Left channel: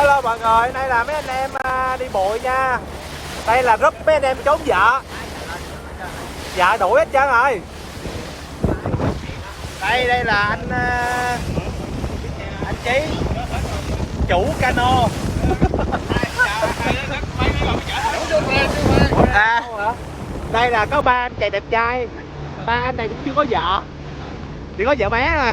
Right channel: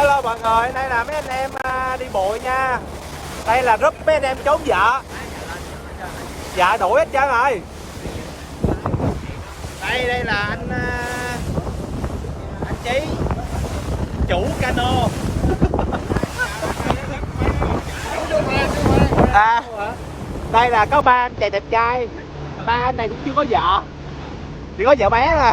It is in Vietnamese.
Hello mọi người, đây là mấy anh em đi bụi nha. Đây là rất mấy anh em trốn vợ. Vợ đuổi hết trơn rồi. Đây là anh Chí, chủ cano. Đây là có ba anh chàng đẹp trai. Ba anh này cũng chưa có vợ, chỉ có vợ bé thôi.